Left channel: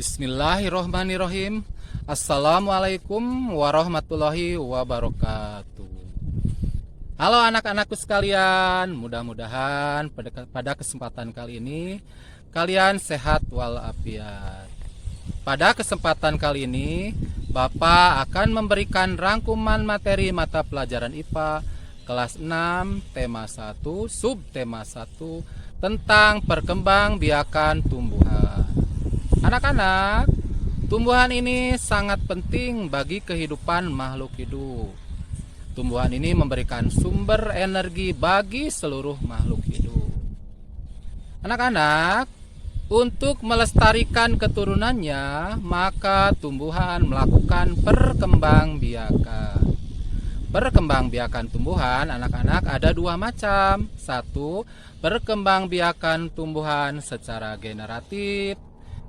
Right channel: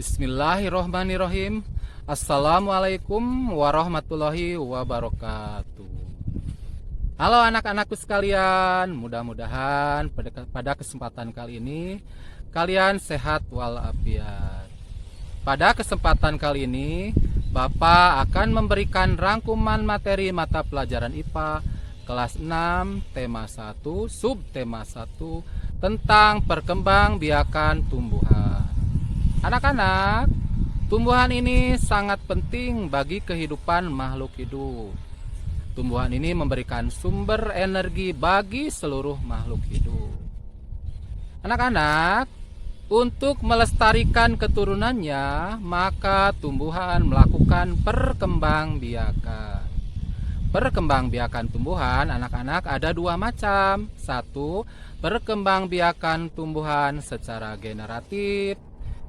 Bismillahirrohmanirrohim. Assalamualaikum warahmatullahi wabarakatuh. Halo anak-anakku sekalian, mudah-mudahan pada kesempatan kali ini kalian sehat walafiat. Pada kesempatan kali ini Bapak akan memberikan rangkuman materi mata pelajaran IPA kelas 6 tema 1 subtema 1 tentang perkembangbiakan tumbuhan. Anak-anak, tumbuhan ini sangat penting bagi kehidupan makhluk hidup. Tumbuhan ini memberikan sumber energi bagi seluruh makhluk hidup. Anak-anak, untuk melestarikan keturunannya, maka tumbuhan melakukan perkembangbiakan. Perkembangbiakan tumbuhan, anak-anak, ada dua macam. Satu, perkembangbiakan tumbuhan secara generatif.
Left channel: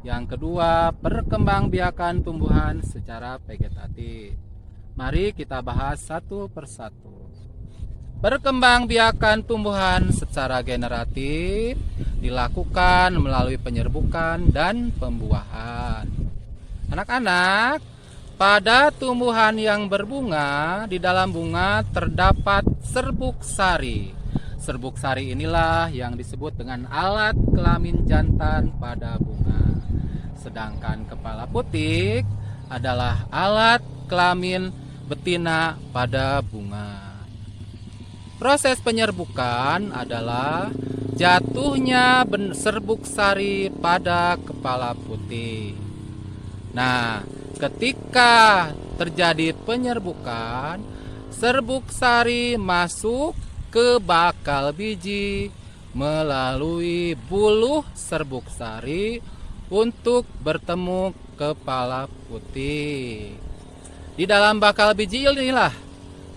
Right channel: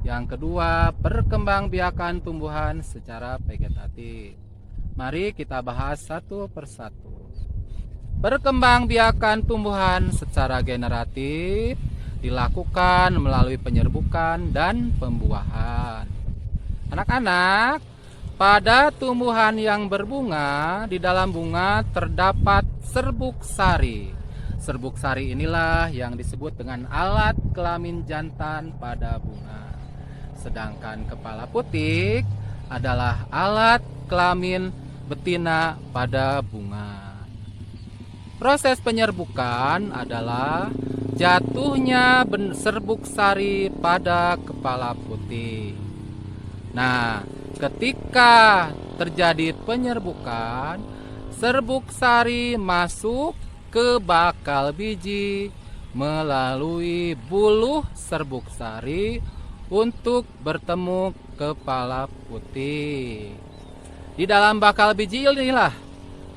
Yang kedua, perkembangbiakan tumbuhan secara vegetatif. Mari kita bahas satu persatu. Perkembangbiakan tumbuhan secara generatif dilakukan melalui penyerbukan dan pembuahan. Anak-anak, pada tumbuhan yang berbunga, di dalam bunga terdapat serbuk sari. Serbuk sari inilah yang disebut dengan alat kelamin jantan pada bunga. Sedangkan kepala putik adalah alat kelamin betina pada bunga. Proses penyerbukan adalah jatuhnya serbuk sari pada kepala putik. Nah, ketika terjadi penyerbukan, serbuk sari masuk ke bakal biji melalui buluh serbuk sari untuk bertemu kepala putik. Di dalam bakal biji inilah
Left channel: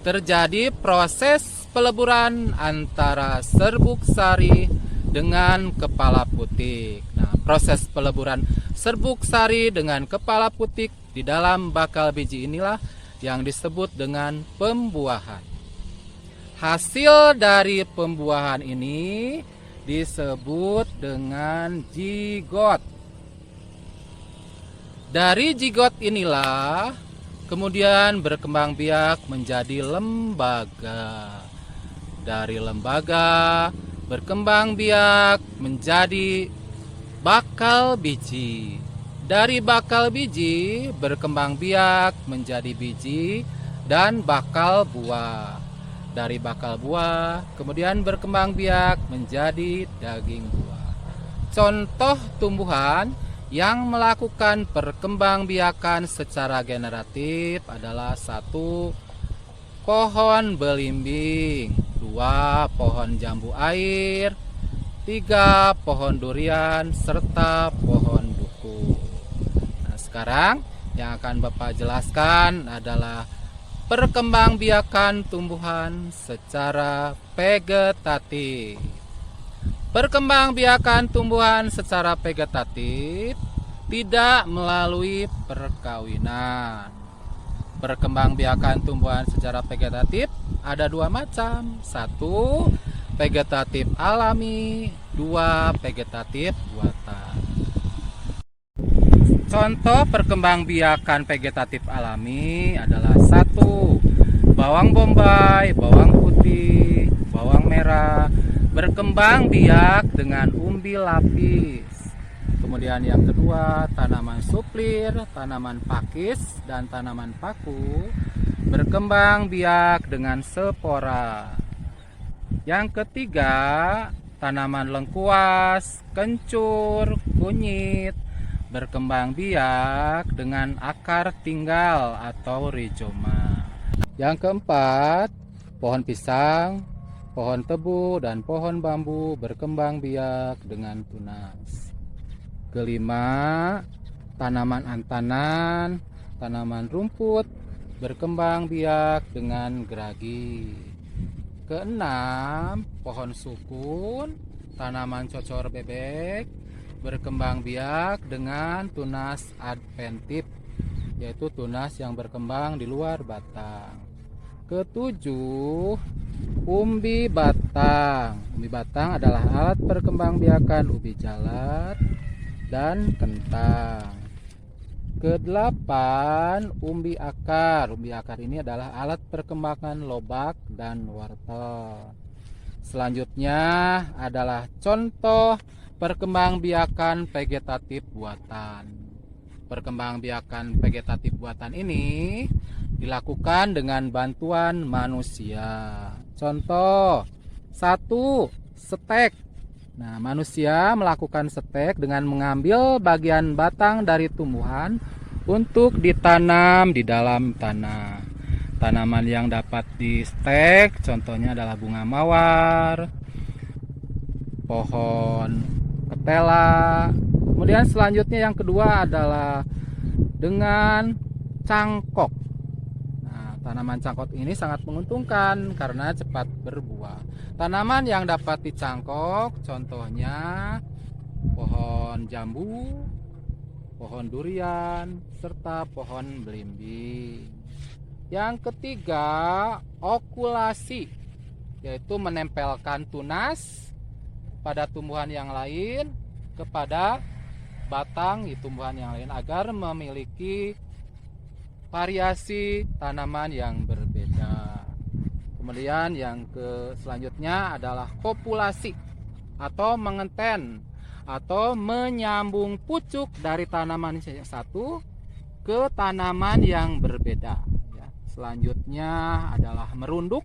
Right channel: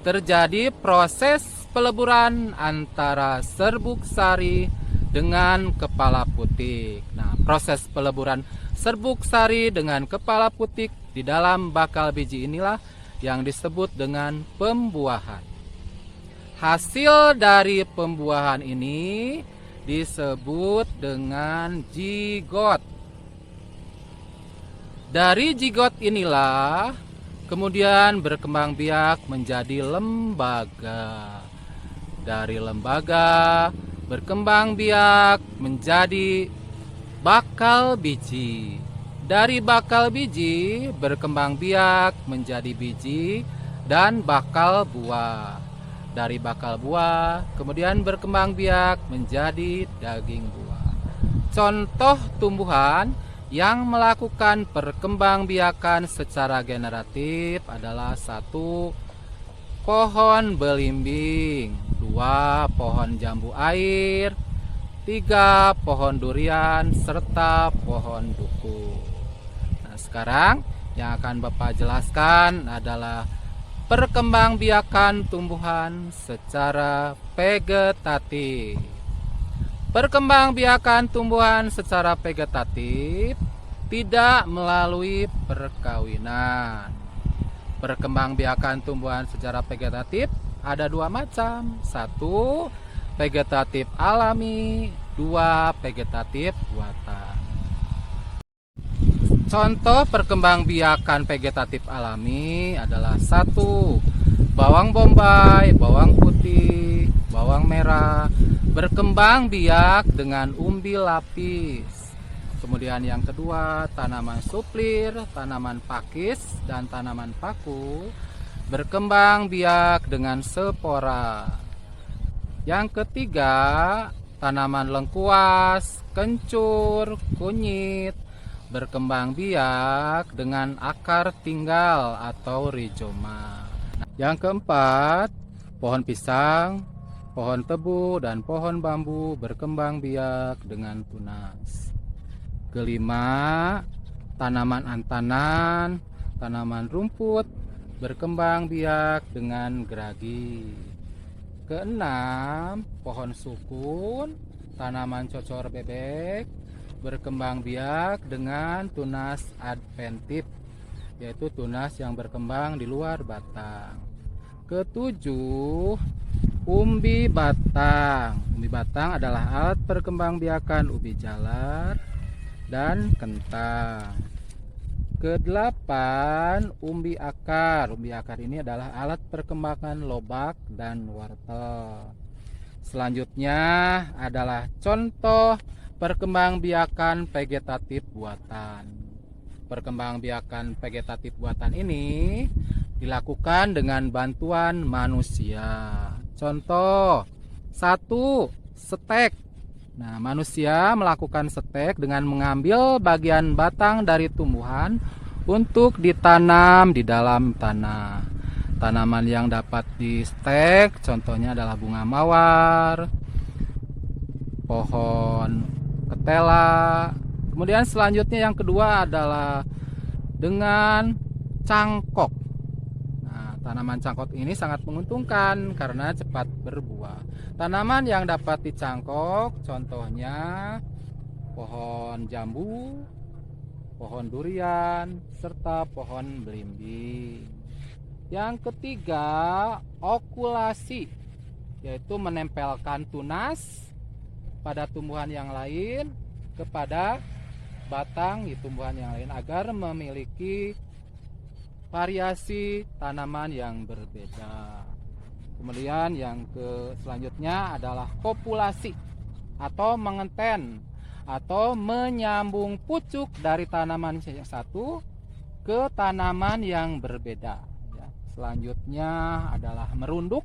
terjadi proses peleburan antara serbuk sari dengan kepala putik. Nah, proses peleburan serbuk sari dengan kepala putik di dalam bakal biji inilah yang disebut dengan pembuahan. Hasil dari pembuahan ini disebut dengan zigot. Dari zigot inilah kemudian berkembang biak menjadi lembaga. Dari lembaga berkembang biak menjadi bakal biji. Dari bakal biji berkembang biak menjadi biji dan bakal buah. Dari bakal buah kemudian berkembang biak menjadi daging buah. Contoh tumbuhan yang melakukan perkembangbiakan secara generatif adalah 1. Pohon belimbing, 2. Pohon jambu air, 3. Pohon durian, serta pohon duku. Nah, sekarang yang akan Bapak jelaskan adalah perkembangbiakan tumbuhan secara vegetatif. Perkembangbiakan tumbuhan secara vegetatif tidak melalui perkawinan. Perkembangbiakan tumbuhan secara vegetatif ada dua macam. 1. Vegetatif alami, 2. Vegetatif buatan. Contoh perkembangbiakan vegetatif alami adalah 1. Bawang bombay, bawang putih, bawang merah berkembang biak dengan umbi lapis. Kemudian yang kedua, tanaman suplir, tanaman pakis, dan tanaman paku berkembang biak dengan spora. Yang ketiga, tanaman lengkuas, kencur, kunyit berkembang biak dengan akar tinggal atau rizoma. Yang keempat, pohon pisang, pohon tebu, dan pohon bambu berkembang biak dengan tunas. Kelima, tanaman antanan, tanaman rumput berkembang biak dengan geragi. Keenam, pohon sukun, tanaman cocor bebek berkembang biak dengan tunas adventif, yaitu tunas yang berkembang di luar batang. Ketujuh, umbi batang. Umbi batang adalah alat perkembangbiakan ubi jalar dan kentang. kedelapan, umbi akar. Umbi akar ini adalah alat perkembangan lobak dan wortel. Selanjutnya adalah contoh perkembangbiakan vegetatif buatan. Perkembangbiakan vegetatif buatan ini dilakukan dengan bantuan manusia. Contoh 1. Stek. Nah, manusia melakukan stek dengan mengambil bagian batang dari tumbuhan untuk ditanam di dalam tanah. Tanaman yang dapat di stek contohnya adalah bunga mawar, pohon ketela. Kemudian selanjutnya yang kedua adalah dengan cangkok. Nah, tanaman cangkok ini sangat menguntungkan karena cepat berbuah. Tanaman yang dapat dicangkok contohnya pohon jambu, pohon durian, serta pohon belimbing. Yang ketiga, okulasi, yaitu menempelkan tunas pada tumbuhan yang lain kepada batang di tumbuhan yang lain agar memiliki variasi tanaman yang berbeda. Kemudian yang selanjutnya adalah kopulasi atau mengenten atau menyambung pucuk dari tanaman yang satu ke tanaman yang berbeda. Selanjutnya adalah merunduk.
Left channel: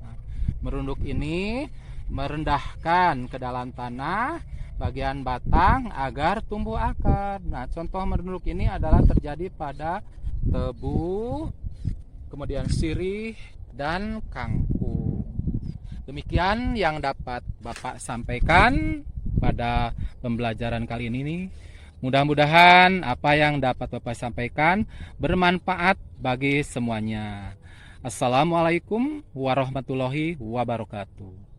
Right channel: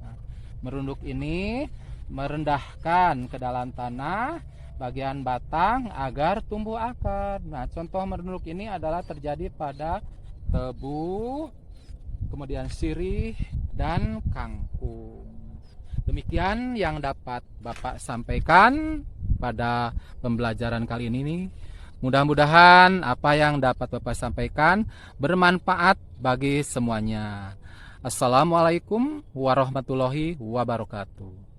Nah, merunduk ini merendahkan ke dalam tanah bagian batang agar tumbuh akar. Nah, contoh merunduk ini adalah terjadi pada tebu, kemudian sirih, dan kangkung. Demikian yang dapat Bapak sampaikan pada pembelajaran kali ini. Mudah-mudahan apa yang dapat Bapak sampaikan bermanfaat bagi semuanya. Assalamualaikum warahmatullahi wabarakatuh.